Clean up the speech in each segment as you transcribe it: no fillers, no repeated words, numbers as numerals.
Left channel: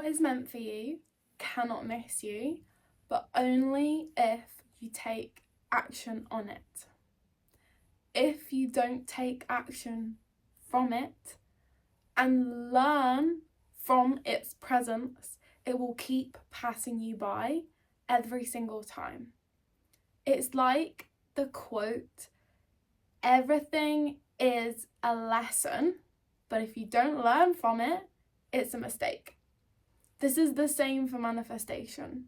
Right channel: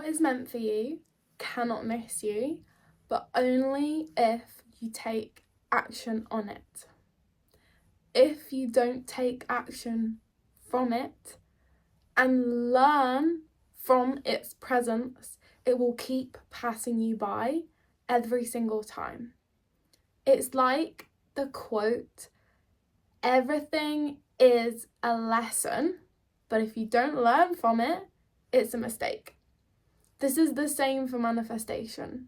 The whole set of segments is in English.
What is meant for you cannot miss you, but only if you take action on it. If you don't take action from it and learn from its presence, it will keep passing you by every single time. It's like the quote, everything is a lesson, but if you don't learn from it, it's a mistake. This is the same for manifestation.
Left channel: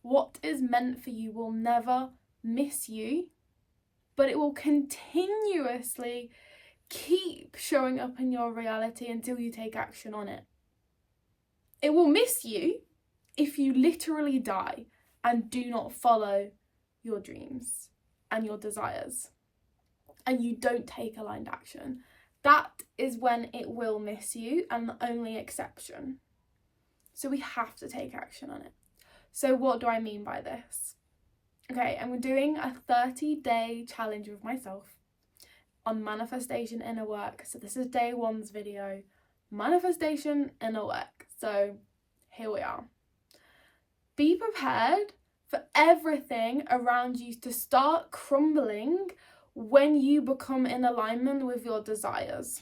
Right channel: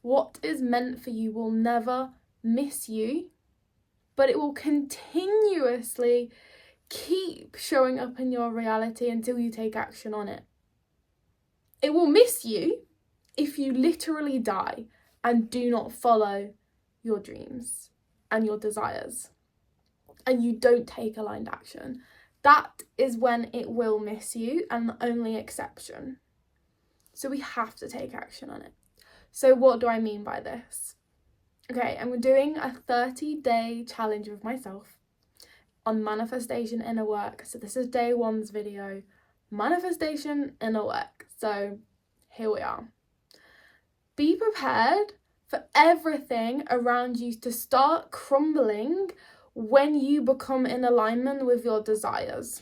What is meant for you will never miss you, but it will continuously keep showing up in your reality until you take action on it. It will miss you if you literally die and do not follow your dreams and your desires, and you don't take aligned action. That is when it will miss you, and the only exception. So we have to take action on it. So what do I mean by this? Okay, and we're doing a 30-day challenge with myself on manifestation inner work. So this is day 1's video, manifestation inner work. So here we are. Be prepared for everything around you to start crumbling when you become in alignment with your desires.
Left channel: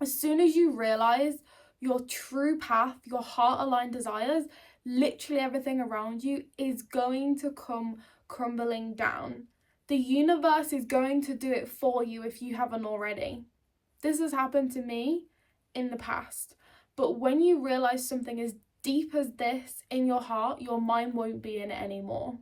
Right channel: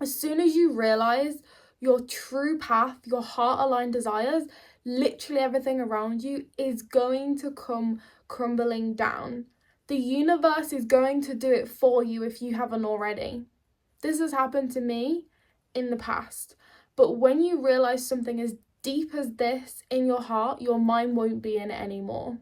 As soon as you realize your true path, your heart-aligned desires, literally everything around you is going to come crumbling down. The universe is going to do it for you if you haven't already. This has happened to me in the past. But when you realize something as deep as this in your heart, your mind won't be in it anymore.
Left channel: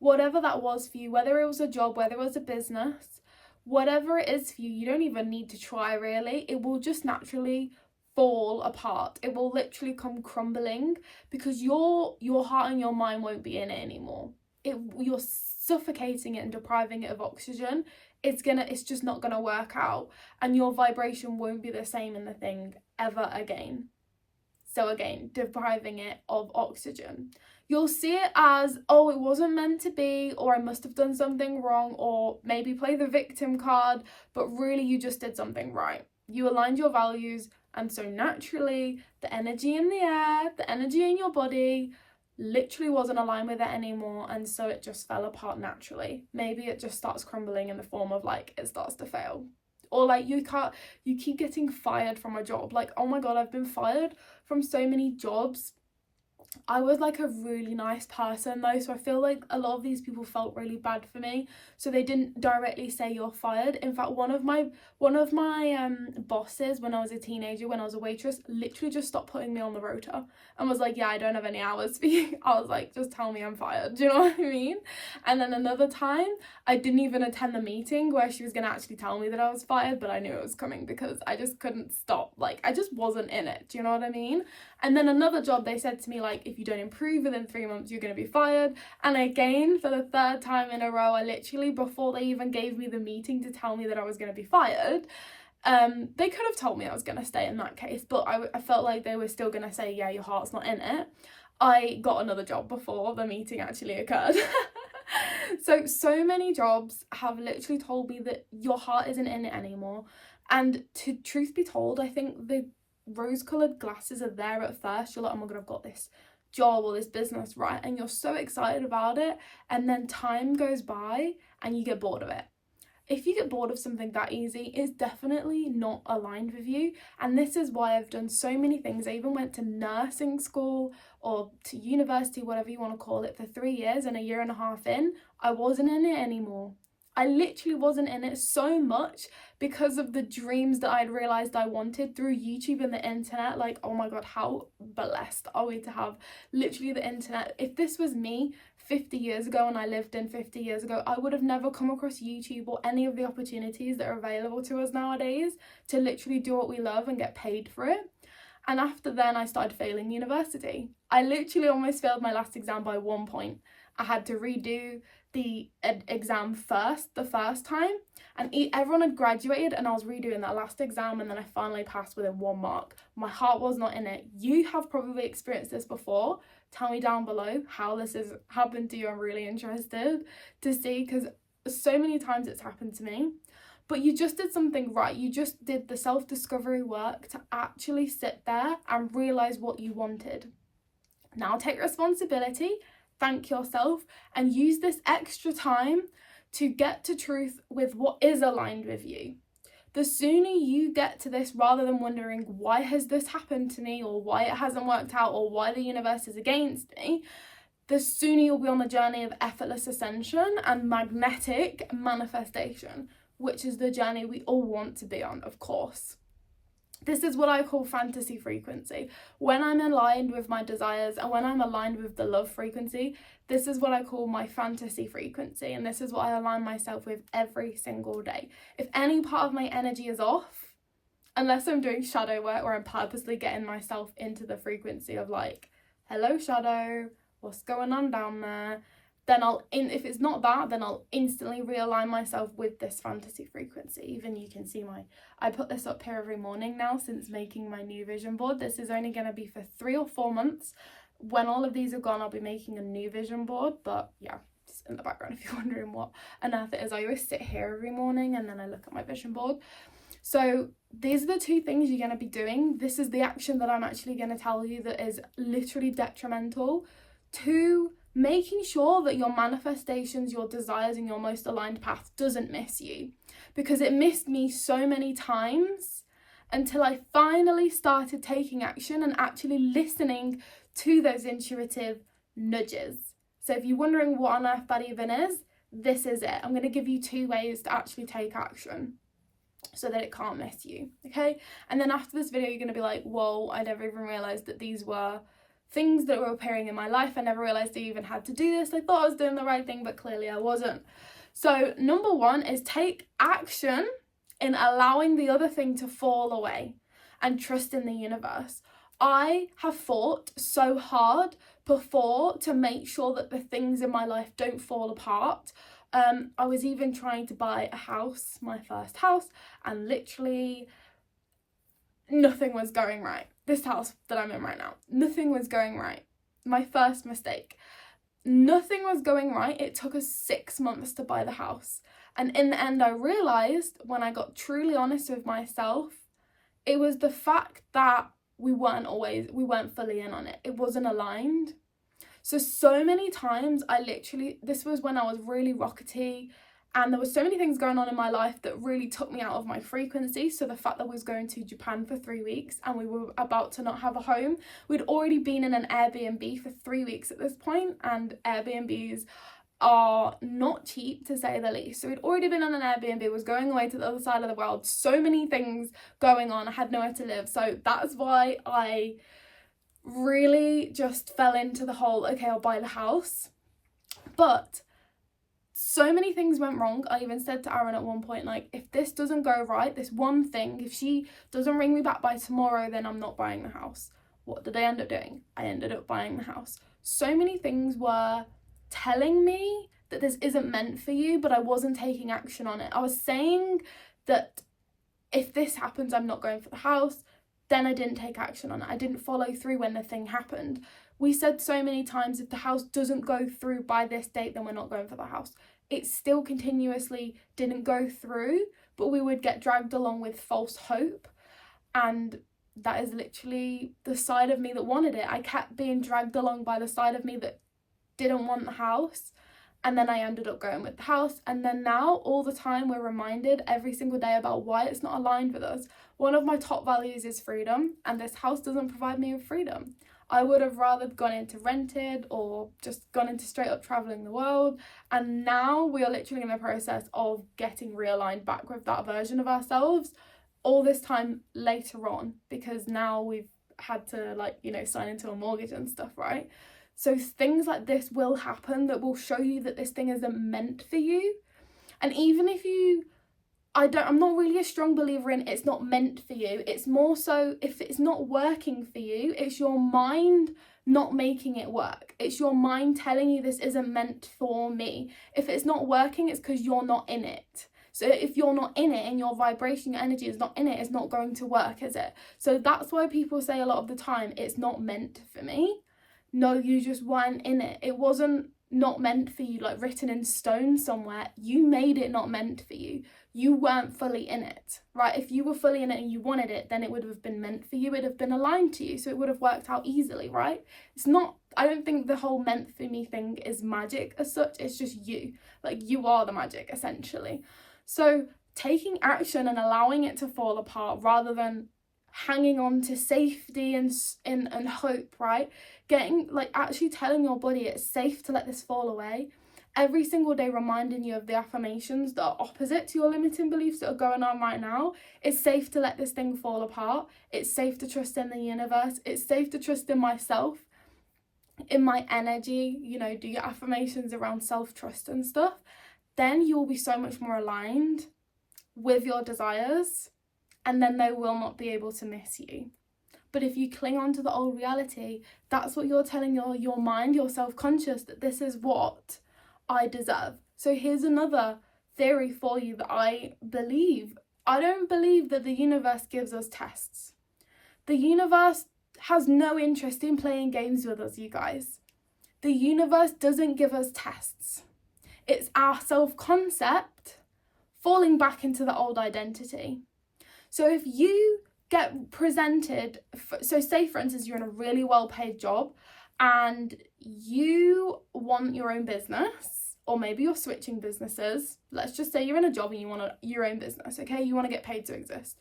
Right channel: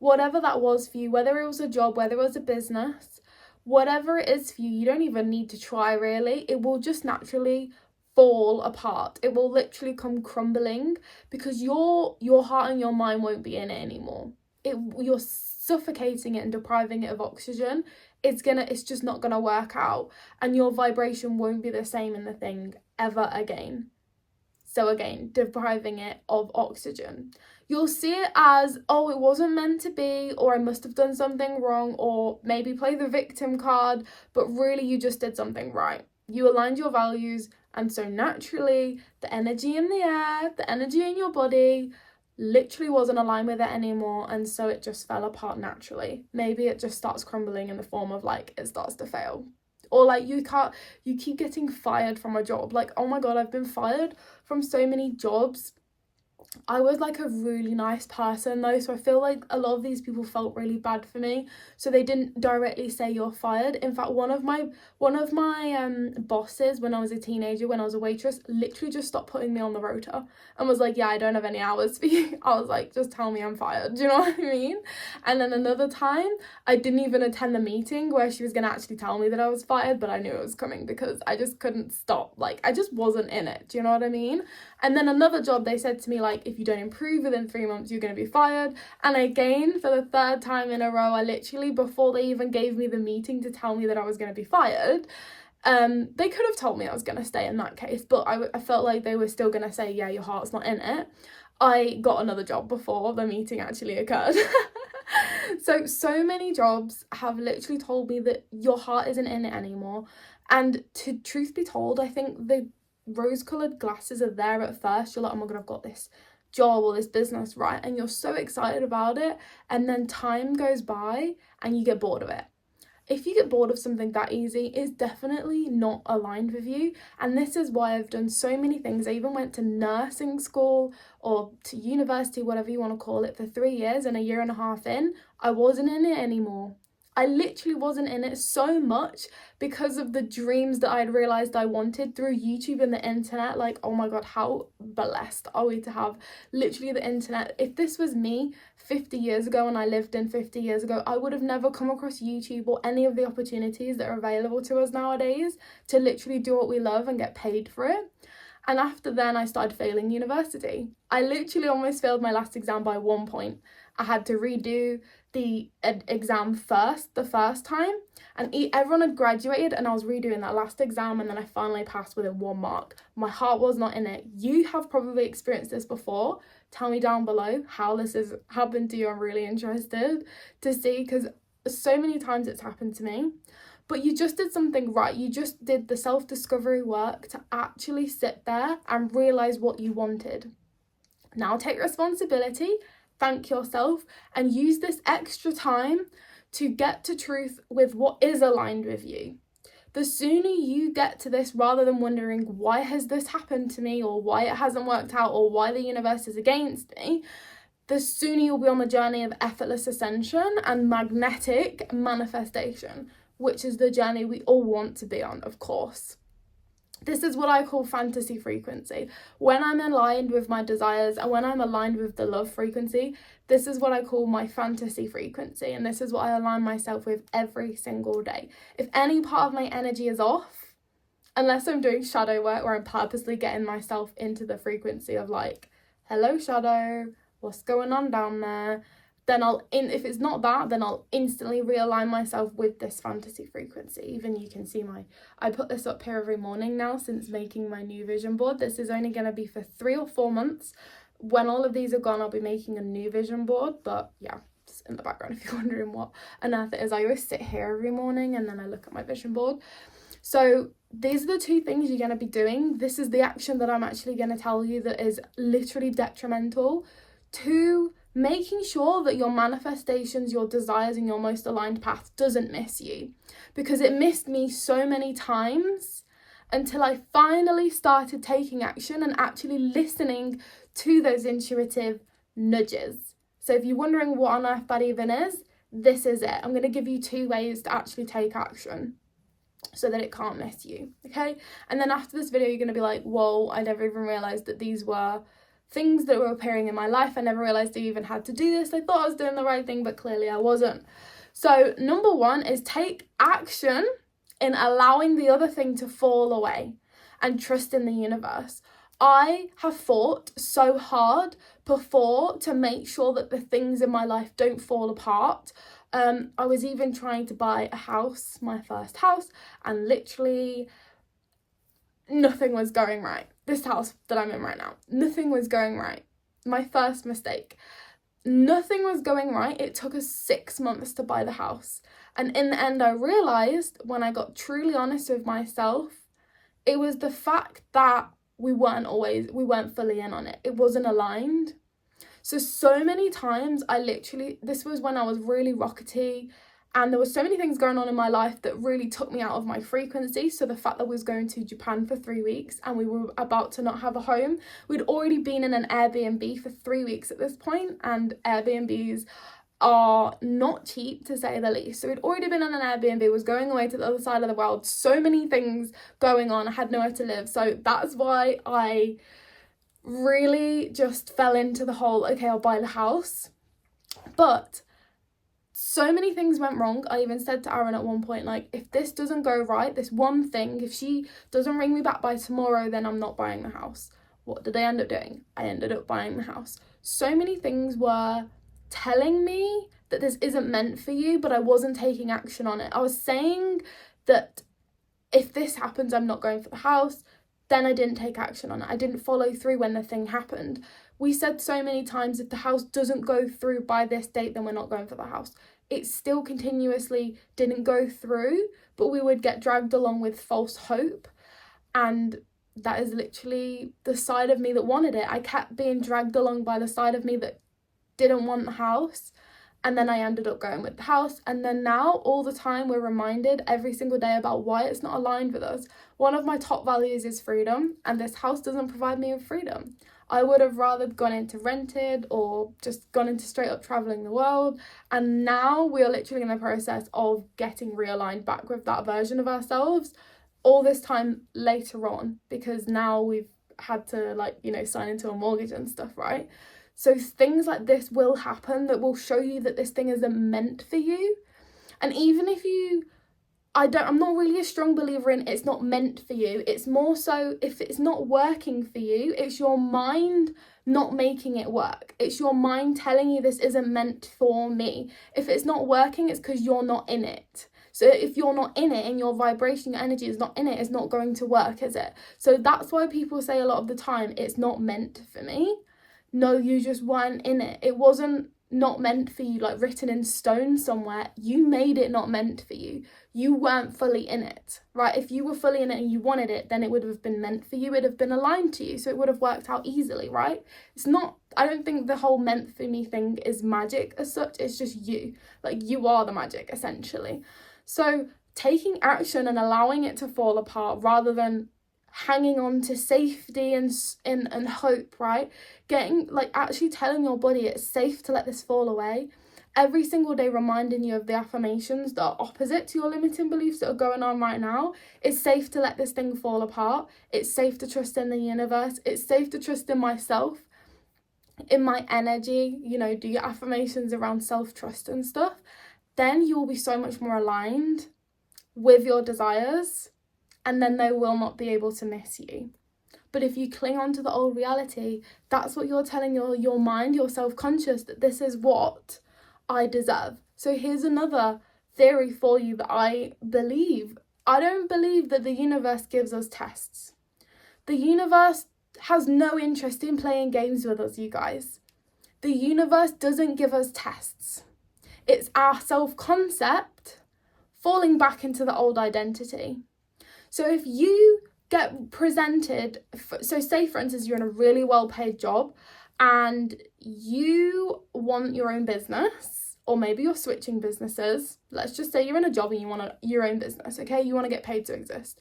Whatever that was for you, whether it was a job, whether it was a business, whatever it is for you, you don't even need to try really. It will just naturally fall apart. It will literally come crumbling because your heart and your mind won't be in it anymore. You're suffocating it and depriving it of oxygen. It's just not gonna work out, and your vibration won't be the same in the thing ever again. So again, depriving it of oxygen. You'll see it as, oh, it wasn't meant to be, or I must have done something wrong, or maybe play the victim card, but really you just did something right. You aligned your values, and so naturally the energy in the air, the energy in your body literally wasn't aligned with it anymore, and so it just fell apart naturally. Maybe it just starts crumbling in the form of like it starts to fail. Or like you keep getting fired from a job. Like, oh my god, I've been fired from so many jobs. I was like a really nice person though, so I feel like a lot of these people felt really bad for me, so they didn't directly say you're fired. In fact, one of my bosses when I was a teenager, when I was a waitress, literally just stopped putting me on the rota and was like, yeah, I don't have any hours for you. I was like, just tell me I'm fired, do you know what I mean? And then another time I didn't even attend the meeting where she was gonna actually tell me that I was fired, but I knew it was coming because I just couldn't stop. Like, I just wasn't in it, do you know what I mean? And then another job, they said to me, like, if you don't improve within 3 months, you're going to be fired. And again, for the 3rd time in a row, I literally, before they even gave me the meeting to tell me that I was going to be fired, they could have told me I was going to stay in that case, but I felt like they were still going to say, yeah, your heart's not in it. I got another job before the meeting actually occurred. So many jobs have literally told me that your heart isn't in it anymore. And to truth be told, I think the rose-coloured glasses are there at first. You're like, oh my god, I've got this job or this business, right? And you're so excited about it, and then time goes by and you get bored of it. If you get bored of something that easy, it's definitely not aligned with you. And this is why I've done so many things. I even went to nursing school or to university, whatever you want to call it, for 3 years, and a year and a half in, I wasn't in it anymore. I literally wasn't in it so much because of the dreams that I'd realised I wanted through YouTube and the internet. Like, oh my god, how blessed are we to have literally the internet. If this was me 50 years ago and I lived in 50 years ago, I would have never come across YouTube or any of the opportunities that are available to us nowadays to literally do what we love and get paid for it. And after then, I started failing university. I literally almost failed my last exam by 1 point. I had to redo the exam the first time, and everyone had graduated and I was redoing that last exam, and then I finally passed within 1 mark. My heart was not in it. You have probably experienced this before. Tell me down below how this has happened to you. I'm really interested to see, because so many times it's happened to me. but you just did something right. You just did the self-discovery work to actually sit there and realize what you wanted. Now take responsibility, thank yourself, and use this extra time to get to truth with what is aligned with you. The sooner you get to this, rather than wondering why has this happened to me, or why it hasn't worked out, or why the universe is against me, the sooner you'll be on the journey of effortless ascension and magnetic manifestation, which is the journey we all want to be on, of course. This is what I call fantasy frequency. When I'm aligned with my desires and when I'm aligned with the love frequency, this is what I call my fantasy frequency, and this is what I align myself with every single day. If any part of my energy is off, unless I'm doing shadow work where I'm purposely getting myself into the frequency of like, hello shadow, what's going on down there? Then if it's not that, then I'll instantly realign myself with this fantasy frequency. Even you can see I put this up here every morning now since making my new vision board. This is only going to be for 3 or 4 months. When all of these are gone, I'll be making a new vision board. But yeah, it's in the background if you're wondering what on earth it is. I always sit here every morning and then I look at my vision board. So these are the 2 things you're going to be doing. This is the action that I'm actually going to tell you that is literally detrimental to making sure that your manifestations, your desires, and your most aligned path doesn't miss you. Because it missed me so many times until I finally started taking action and actually listening to those intuitive nudges. So if you're wondering what on earth that even is, this is it. I'm going to give you 2 ways to actually take action so that it can't miss you, okay? And then after this video, you're going to be like, whoa, I never even realised that these were things that were appearing in my life. I never realised I even had to do this. I thought I was doing the right thing, but clearly I wasn't. So number 1 is take action in allowing the other thing to fall away and trust in the universe. I have fought so hard before to make sure that the things in my life don't fall apart. I was even trying to buy a house, my first house, and literally nothing was going right. This house that I'm in right now, nothing was going right. My first mistake. Nothing was going right. It took us 6 months to buy the house. And in the end, I realised when I got truly honest with myself, it was the fact that we weren't fully in on it. It wasn't aligned. So many times this was when I was really rockety, and there were so many things going on in my life that really took me out of my frequency. So the fact that we was going to Japan for 3 weeks and we were about to not have a home. We'd already been in an Airbnb for 3 weeks at this point, and Airbnbs are not cheap to say the least. So we'd already been on an Airbnb, was going away to the other side of the world. So many things going on. I had nowhere to live. So that's why I really just fell into the whole, okay, I'll buy the house. But so many things went wrong. I even said to Aaron at one point, like, if this doesn't go right, this one thing, if she doesn't ring me back by tomorrow, then I'm not buying the house. What did I end up doing? I ended up buying the house. So many things were telling me that this isn't meant for you, but I wasn't taking action on it. I was saying that if this happens, I'm not going for the house. Then I didn't take action on it. I didn't follow through when the thing happened. We said so many times, if the house doesn't go through by this date, then we're not going for the house. It still continuously didn't go through, but we would get dragged along with false hope. And that is literally the side of me that wanted it. I kept being dragged along by the side of me that didn't want the house. And then I ended up going with the house. And then now all the time we're reminded every single day about why it's not aligned with us. One of my top values is freedom, and this house doesn't provide me with freedom. I would have rather gone into rented or just gone into straight up traveling the world. And now we are literally in the process of getting realigned back with that version of ourselves all this time later on, because now we've had to sign into a mortgage and stuff, right? So things like this will happen that will show you that this thing isn't meant for you. And even if I'm not really a strong believer in it's not meant for you. It's more so if it's not working for you, it's your mind not making it work. It's your mind telling you this isn't meant for me. If it's not working, it's because you're not in it. So if you're not in it and your vibration, your energy is not in it, it's not going to work, is it? So that's why people say a lot of the time, it's not meant for me. No, you just weren't in it. It wasn't not meant for you, like written in stone somewhere. You made it not meant for you. You weren't fully in it, right? If you were fully in it and you wanted it, then it would have been meant for you. It would have been aligned to you. So it would have worked out easily, right? It's not, I don't think the whole meant for me thing is magic as such. It's just you. Like, you are the magic, essentially. So taking action and allowing it to fall apart rather than hanging on to safety and hope, right? Getting, like, actually telling your body it's safe to let this fall away. Every single day reminding you of the affirmations that are opposite to your limiting beliefs that are going on right now. It's safe to let this thing fall apart. It's safe to trust in the universe. It's safe to trust in myself, in my energy. You know, do your affirmations around self-trust and stuff. Then you will be so much more aligned with your desires, and then they will not be able to miss you. But if you cling on to the old reality, that's what you're telling your mind, your self-conscious, that this is what I deserve. So here's another theory for you that I believe. I don't believe that the universe gives us tests. The universe has no interest in playing games with us, you guys. The universe doesn't give us tests. It's our self-concept falling back into the old identity. So if you get presented, so say for instance you're in a really well-paid job and you want your own business, or maybe you're switching businesses. Let's just say you're in a job and you want your own business, okay? You want to get paid to exist.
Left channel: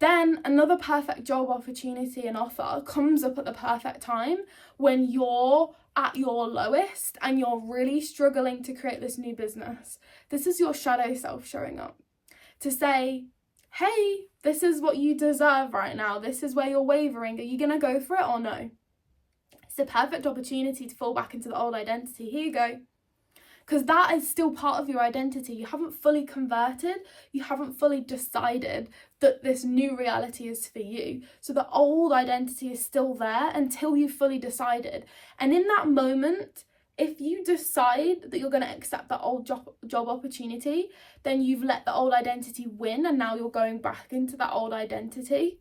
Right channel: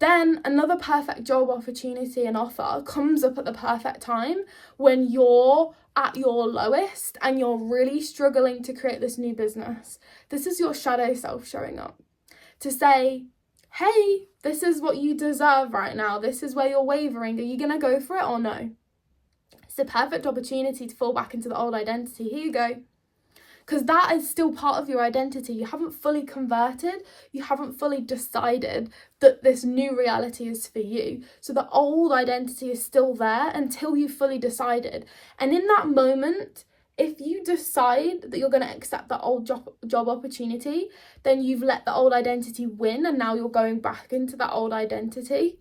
Then another perfect job opportunity and offer comes up at the perfect time when you're at your lowest and you're really struggling to create this new business. This is your shadow self showing up to say, hey, this is what you deserve right now. This is where you're wavering. Are you going to go for it or no? It's a perfect opportunity to fall back into the old identity. Here you go. Because that is still part of your identity. You haven't fully converted. You haven't fully decided that this new reality is for you. So the old identity is still there until you've fully decided. And in that moment, if you decide that you're going to accept that old job opportunity, then you've let the old identity win and now you're going back into that old identity.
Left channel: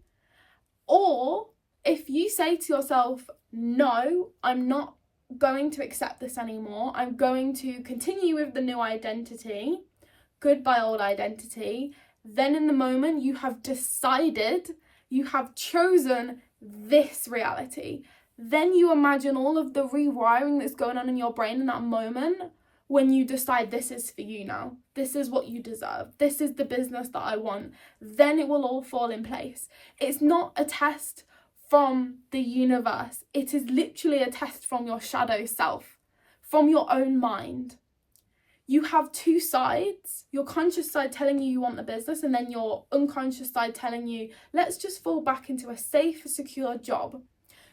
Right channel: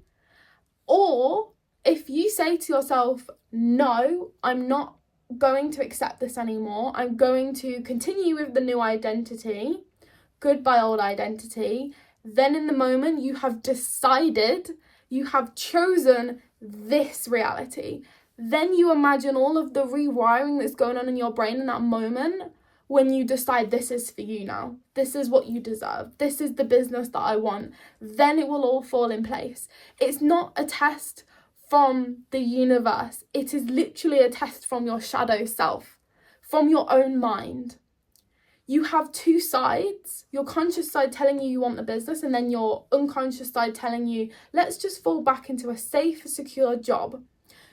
Or if you say to yourself, no, I'm not going to accept this anymore. I'm going to continue with the new identity. Goodbye, old identity. Then in the moment you have decided, you have chosen this reality. Then you imagine all of the rewiring that's going on in your brain in that moment when you decide this is for you now. This is what you deserve. This is the business that I want. Then it will all fall in place. It's not a test from the universe. It is literally a test from your shadow self, from your own mind. You have two sides, your conscious side telling you want the business, and then your unconscious side telling you, let's just fall back into a safe, secure job.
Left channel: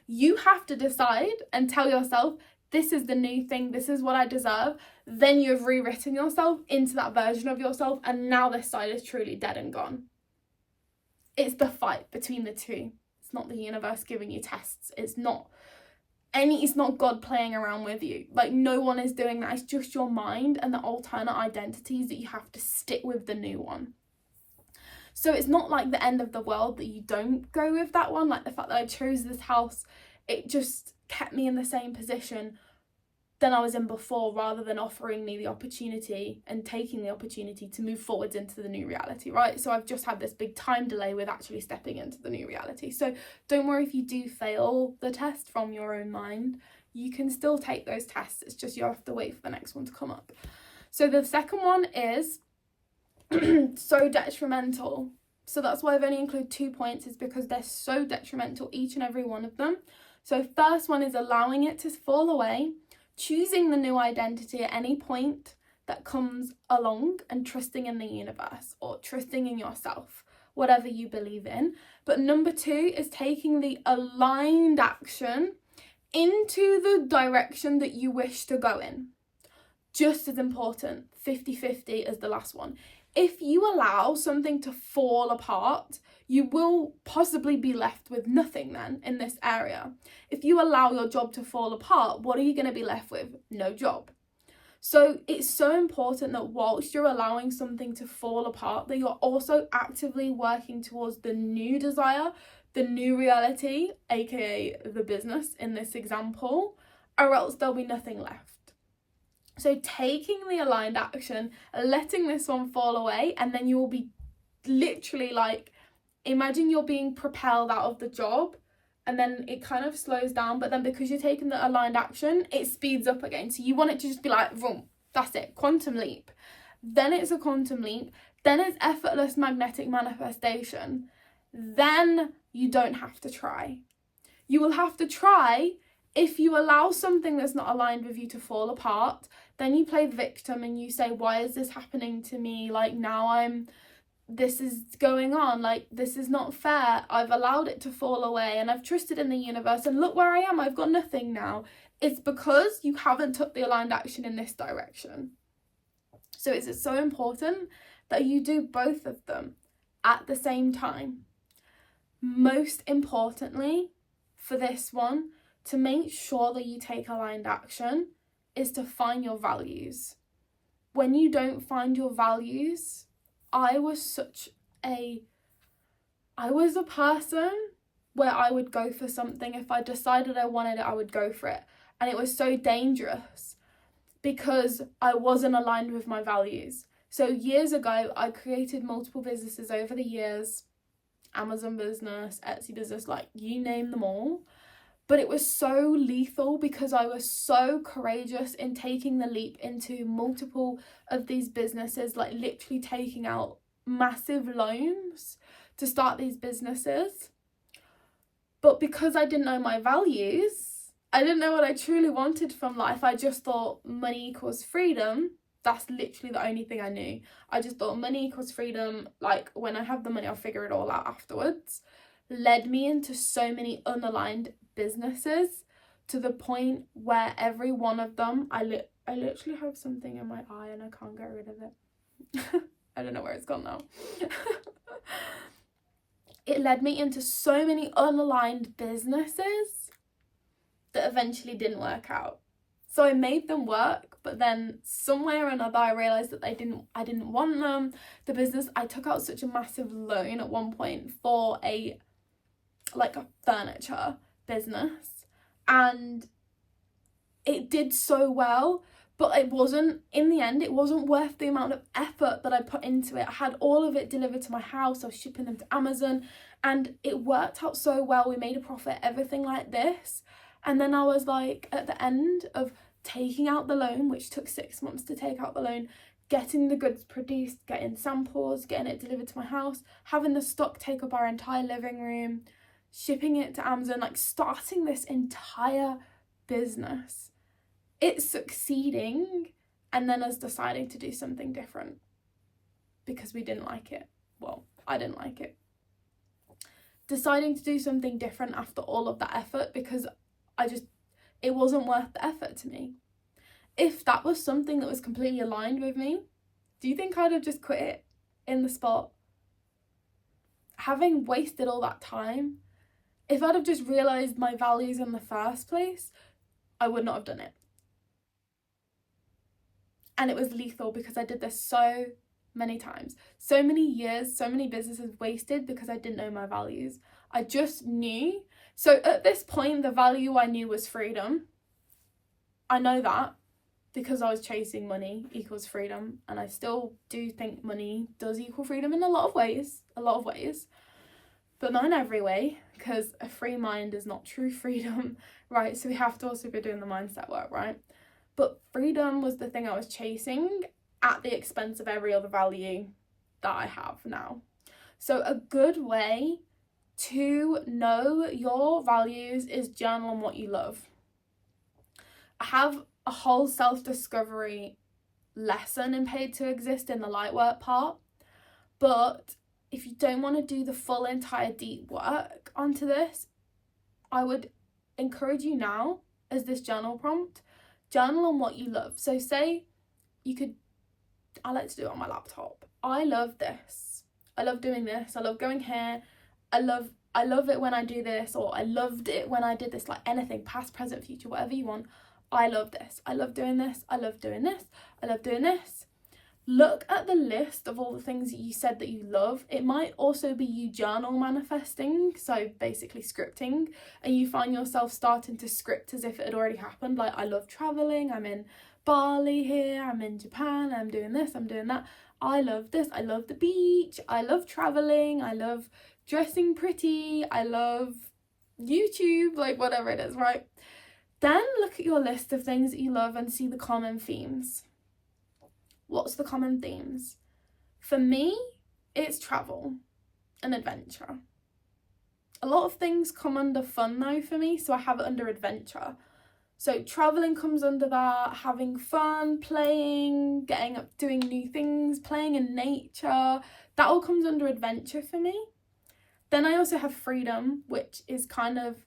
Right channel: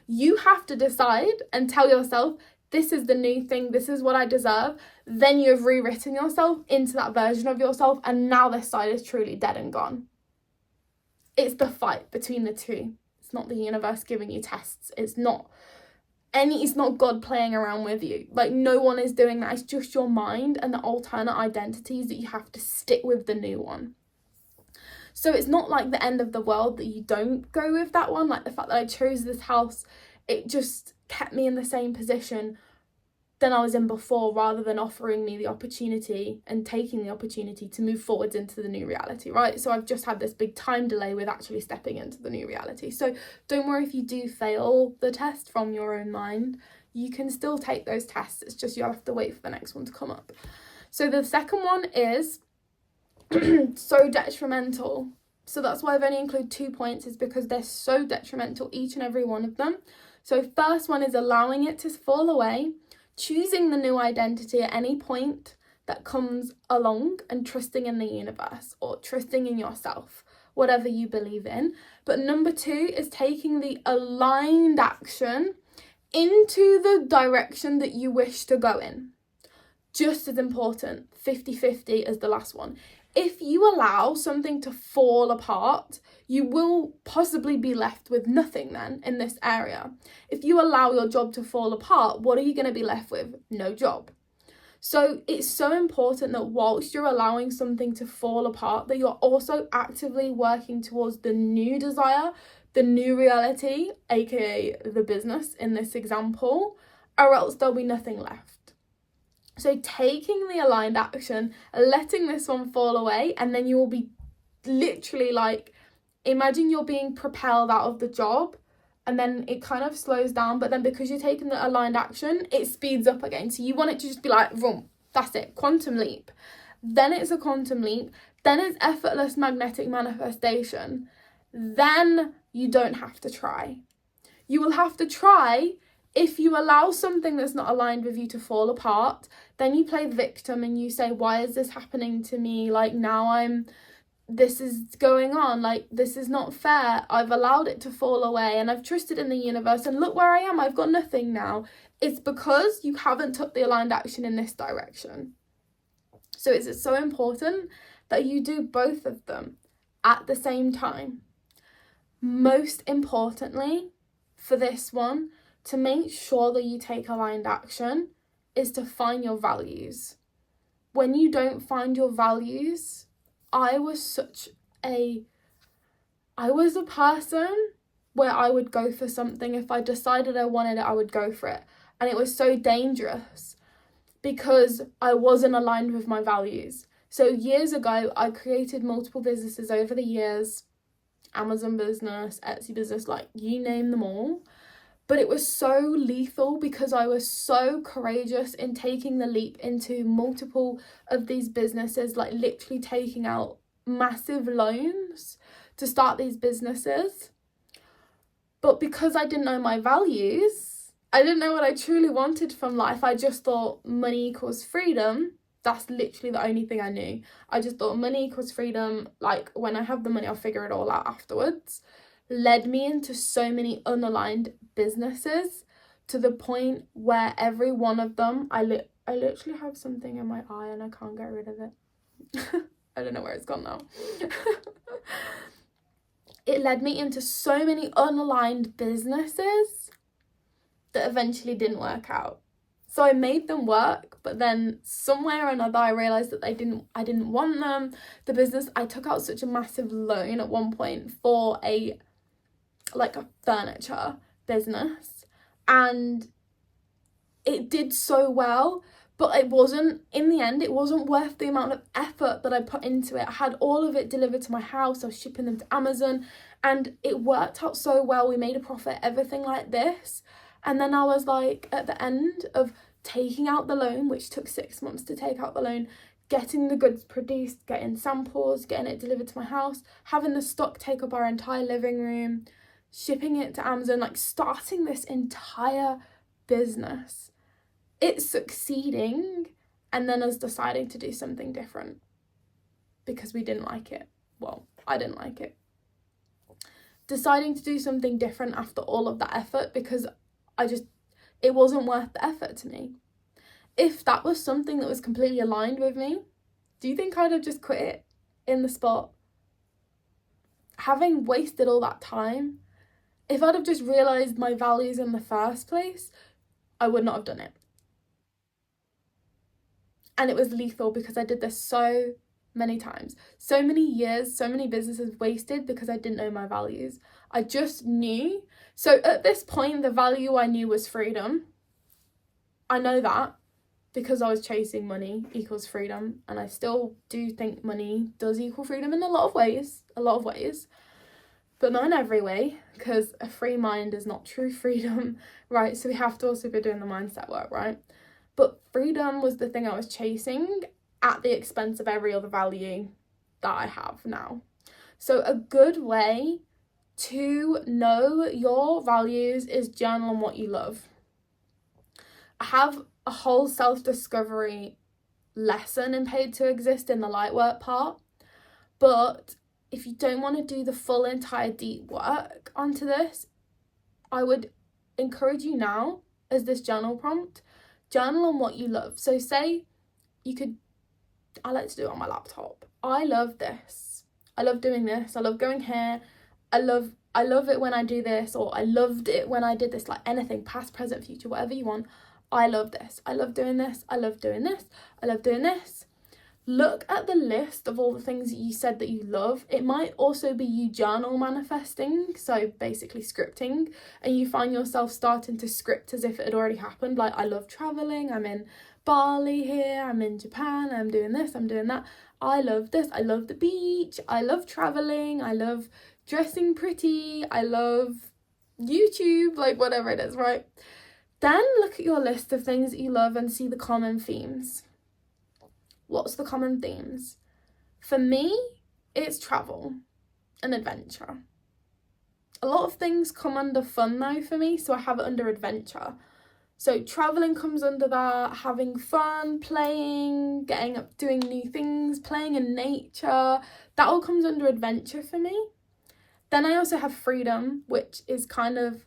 You have to decide and tell yourself, this is the new thing, this is what I deserve. Then you've rewritten yourself into that version of yourself, and now this side is truly dead and gone. It's the fight between the two. It's not the universe giving you tests. It's not God playing around with you. Like, no one is doing that. It's just your mind and the alternate identities that you have to stick with the new one. So it's not like the end of the world that you don't go with that one. Like the fact that I chose this house, it just kept me in the same position than I was in before, rather than offering me the opportunity and taking the opportunity to move forwards into the new reality, right? So I've just had this big time delay with actually stepping into the new reality. So don't worry if you do fail the test from your own mind. You can still take those tests. It's just you'll have to wait for the next one to come up. So the second one is so detrimental. So that's why I've only included 2 points, is because they're so detrimental, each and every one of them. So first one is allowing it to fall away, choosing the new identity at any point that comes along, and trusting in the universe or trusting in yourself, whatever you believe in. But number 2 is taking the aligned action into the direction that you wish to go in. Just as important, 50-50 as the last one. If you allow something to fall apart, you will possibly be left with nothing then in this area. If you allow your job to fall apart, what are you going to be left with? No job. So it's so important that whilst you're allowing something to fall apart, that you're also actively working towards the new desire, the new reality, aka the business in this example, or else there'll be nothing left. So taking the aligned action, letting this one fall away, and then you'll be literally like, imagine you're being propelled out of the job and then it kind of slows down, but then because you're taking the aligned action, it speeds up again. So you want it to just be like, vroom, that's it, quantum leap. Then it's a quantum leap. Then it's effortless magnetic manifestation. Then you don't have to try. You will have to try if you allow something that's not aligned with you to fall apart. Then you play the victim and you say, why is this happening to me? Like, now this is going on, like, this is not fair. I've allowed it to fall away and I've trusted in the universe, and look where I am, I've got nothing now. It's because you haven't took the aligned action in this direction. So it's so important that you do both of them at the same time. Most importantly, for this one, to make sure that you take aligned action is to find your values. When you don't find your values, I was a person where I would go for something. If I decided I wanted it, I would go for it. And it was so dangerous because I wasn't aligned with my values. So years ago, I created multiple businesses over the years, Amazon business, Etsy business, like you name them all. But it was so lethal because I was so courageous in taking the leap into multiple of these businesses, like literally taking out massive loans to start these businesses. But because I didn't know my values, I didn't know what I truly wanted from life. I just thought money equals freedom. That's literally the only thing I knew. I just thought money equals freedom. Like, when I have the money, I'll figure it all out afterwards. Led me into so many unaligned businesses to the point where every one of them, I literally have something in my eye and I can't get rid of it. I don't know where it's gone now. It led me into so many unaligned businesses that eventually didn't work out. So I made them work, but then somewhere or another I realized that I didn't want them. The business, I took out such a massive loan at one point for a furniture business, and it did so well, but it wasn't worth the amount of effort that I put into it. I had all of it delivered to my house. I was shipping them to Amazon, and it worked out so well. We made a profit, everything like this. And then I was like, at the end of taking out the loan, which took 6 months to take out the loan, getting the goods produced, getting samples, getting it delivered to my house, having the stock take up our entire living room, shipping it to Amazon, like starting this entire business. It's succeeding, and then us deciding to do something different because we didn't like it. Well, I didn't like it. Deciding to do something different after all of that effort because it wasn't worth the effort to me. If that was something that was completely aligned with me, do you think I'd have just quit it in the spot? Having wasted all that time, if I'd have just realised my values in the first place, I would not have done it. And it was lethal because I did this so many times. So many years, so many businesses wasted because I didn't know my values. I just knew. So at this point, the value I knew was freedom. I know that because I was chasing money equals freedom. And I still do think money does equal freedom in a lot of ways. But not in every way, because a free mind is not true freedom, right? So we have to also be doing the mindset work, right? But freedom was the thing I was chasing at the expense of every other value that I have now. So a good way to know your values is journal on what you love. I have a whole self-discovery lesson in Paid to Exist in the light work part, but if you don't want to do the full entire deep work onto this, I would encourage you now, as this journal prompt, journal on what you love. So say I like to do it on my laptop. I love this. I love doing this. I love going here. I love it when I do this, or I loved it when I did this, like anything, past, present, future, whatever you want. I love this. I love doing this. I love doing this. I love doing this. look at the list of all the things that you said that you love. It might also be you journal manifesting, so basically scripting, and you find yourself starting to script as if it had already happened. Like, I love traveling, I'm in Bali here, I'm in Japan, I'm doing this, I'm doing that. I love this, I love the beach, I love traveling, I love dressing pretty, I love YouTube, like whatever it is, right? Then look at your list of things that you love and see the common themes. What's the common themes? For me, it's travel and adventure. A lot of things come under fun though for me, so I have it under adventure. So traveling comes under that, having fun, playing, getting up, doing new things, playing in nature. That all comes under adventure for me. Then I also have freedom, which is kind of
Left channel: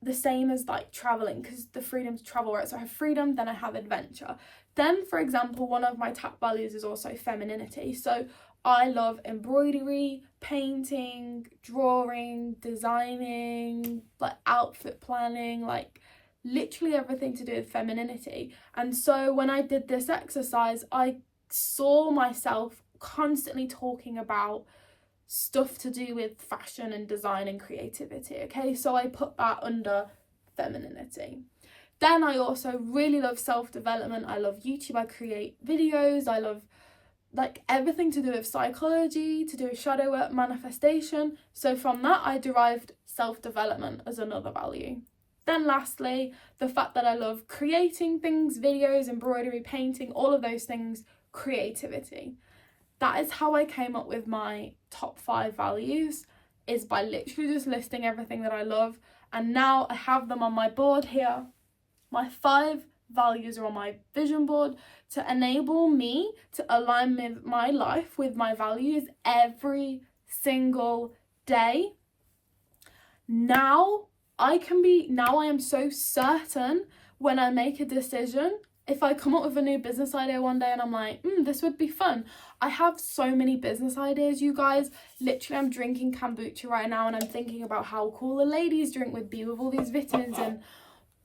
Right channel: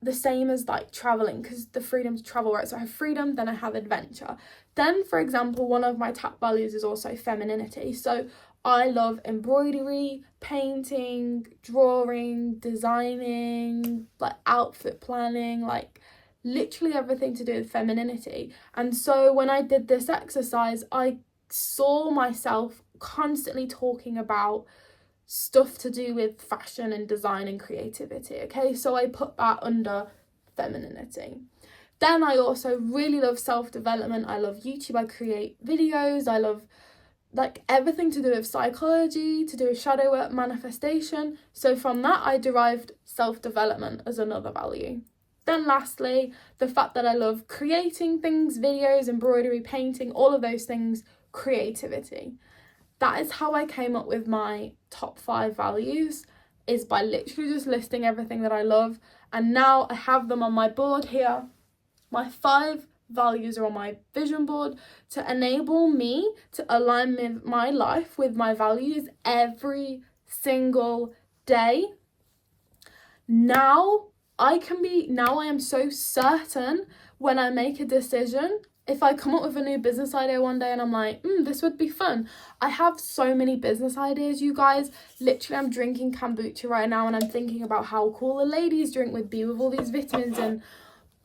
the same as like traveling, because the freedom to travel, right? So I have freedom, then I have adventure. Then, for example, one of my top values is also femininity. So I love embroidery, painting, drawing, designing, like outfit planning, like literally everything to do with femininity. And so when I did this exercise, I saw myself constantly talking about stuff to do with fashion and design and creativity, okay? So I put that under femininity. Then I also really love self-development. I love YouTube, I create videos, I love like everything to do with psychology, to do with shadow work, manifestation. So from that, I derived self-development as another value. Then lastly, the fact that I love creating things, videos, embroidery, painting, all of those things, creativity. That is how I came up with my top 5 values, is by literally just listing everything that I love. And now I have them on my board here. My 5 values are on my vision board to enable me to align my life with my values every single day. Now I am so certain when I make a decision. If I come up with a new business idea one day and I'm like, this would be fun. I have so many business ideas, you guys. Literally, I'm drinking kombucha right now and I'm thinking about how cool a ladies drink would be with all these vitamins and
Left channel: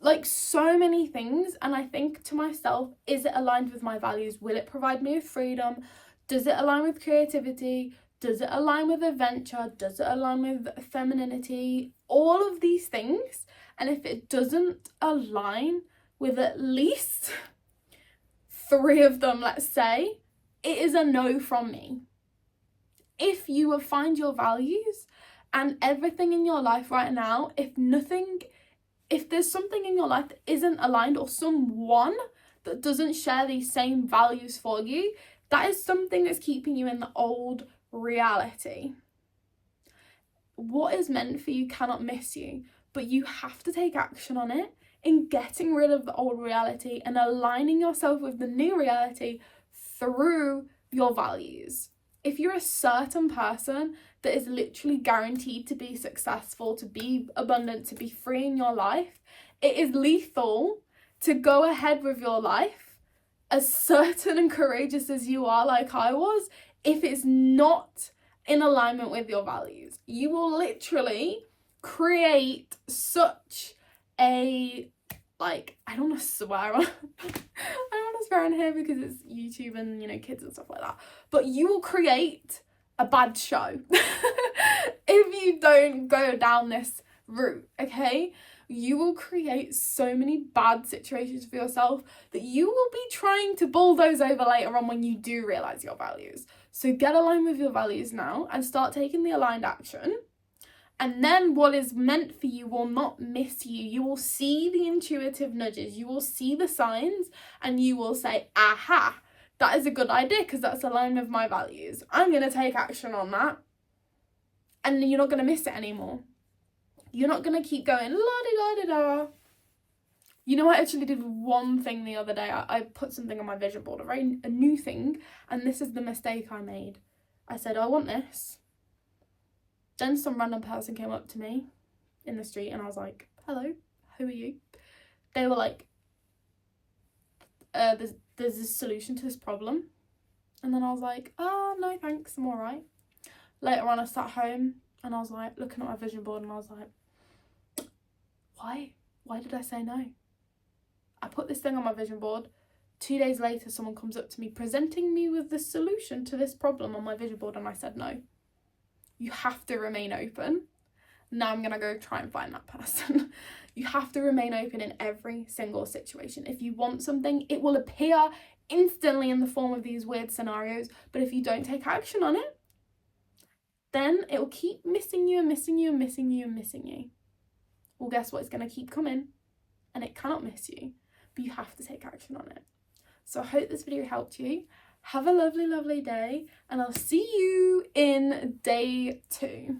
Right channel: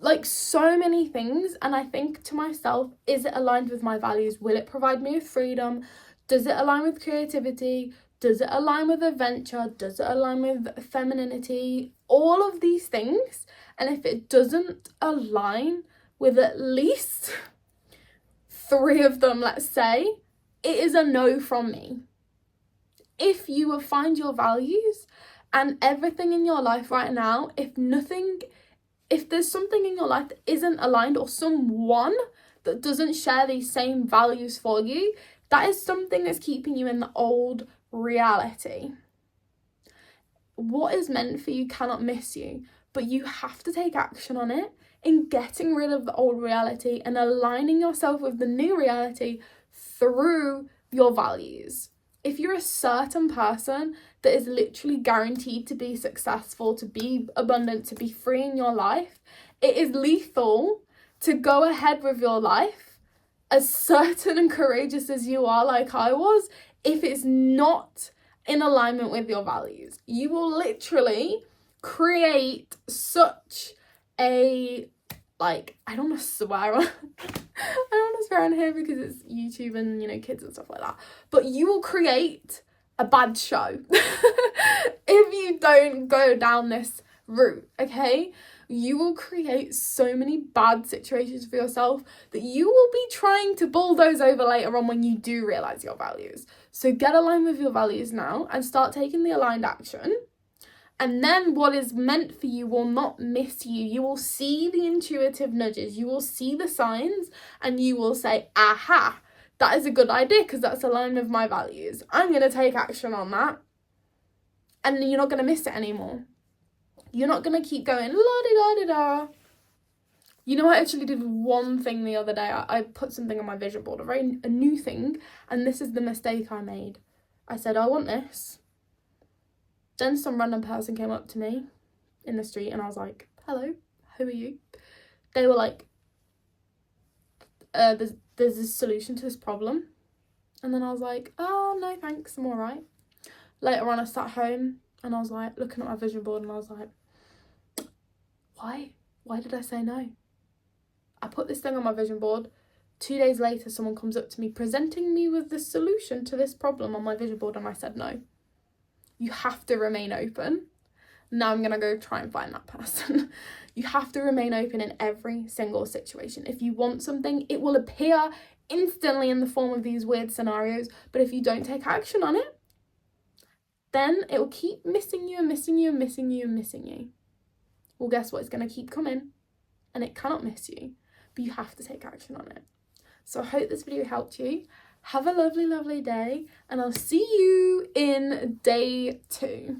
like so many things. And I think to myself, is it aligned with my values? Will it provide me with freedom? Does it align with creativity? Does it align with adventure? Does it align with femininity? All of these things. And if it doesn't align with at least 3 of them, let's say, it is a no from me. If you will find your values and everything in your life right now, if there's something in your life that isn't aligned, or someone that doesn't share these same values for you, that is something that's keeping you in the old reality. What is meant for you cannot miss you, but you have to take action on it in getting rid of the old reality and aligning yourself with the new reality through your values. If you're a certain person that is literally guaranteed to be successful, to be abundant, to be free in your life, it is lethal to go ahead with your life as certain and courageous as you are, like I was, if it's not in alignment with your values. You will literally create such a, like, I don't want to swear on I don't want to swear on here because it's YouTube and, you know, kids and stuff like that, but you will create a bad show if you don't go down this route, okay? You will create so many bad situations for yourself that you will be trying to bulldoze over later on when you do realize your values. So get aligned with your values now and start taking the aligned action. And then what is meant for you will not miss you. You will see the intuitive nudges. You will see the signs and you will say, aha, that is a good idea because that's aligned with my values. I'm going to take action on that. And you're not going to miss it anymore. You're not going to keep going, la-di-da-di-da. You know, I actually did one thing the other day. I put something on my vision board, a new thing. And this is the mistake I made. I said, I want this. Then some random person came up to me in the street and I was like, hello, who are you? They were like, there's a solution to this problem. And then I was like, oh, no, thanks, I'm all right. Later on, I sat home and I was like, looking at my vision board and I was like, why? Why did I say no? I put this thing on my vision board 2 days later, someone comes up to me presenting me with the solution to this problem on my vision board, and I said no. You have to remain open. Now I'm going to go try and find that person. You have to remain open in every single situation. If you want something, it will appear instantly in the form of these weird scenarios, but if you don't take action on it, then it will keep missing you and missing you and missing you and missing you. Well, guess what? It's going to keep coming, and it cannot miss you, but you have to take action on it. So I hope this video helped you. Have a lovely, lovely day, and I'll see you in day 2.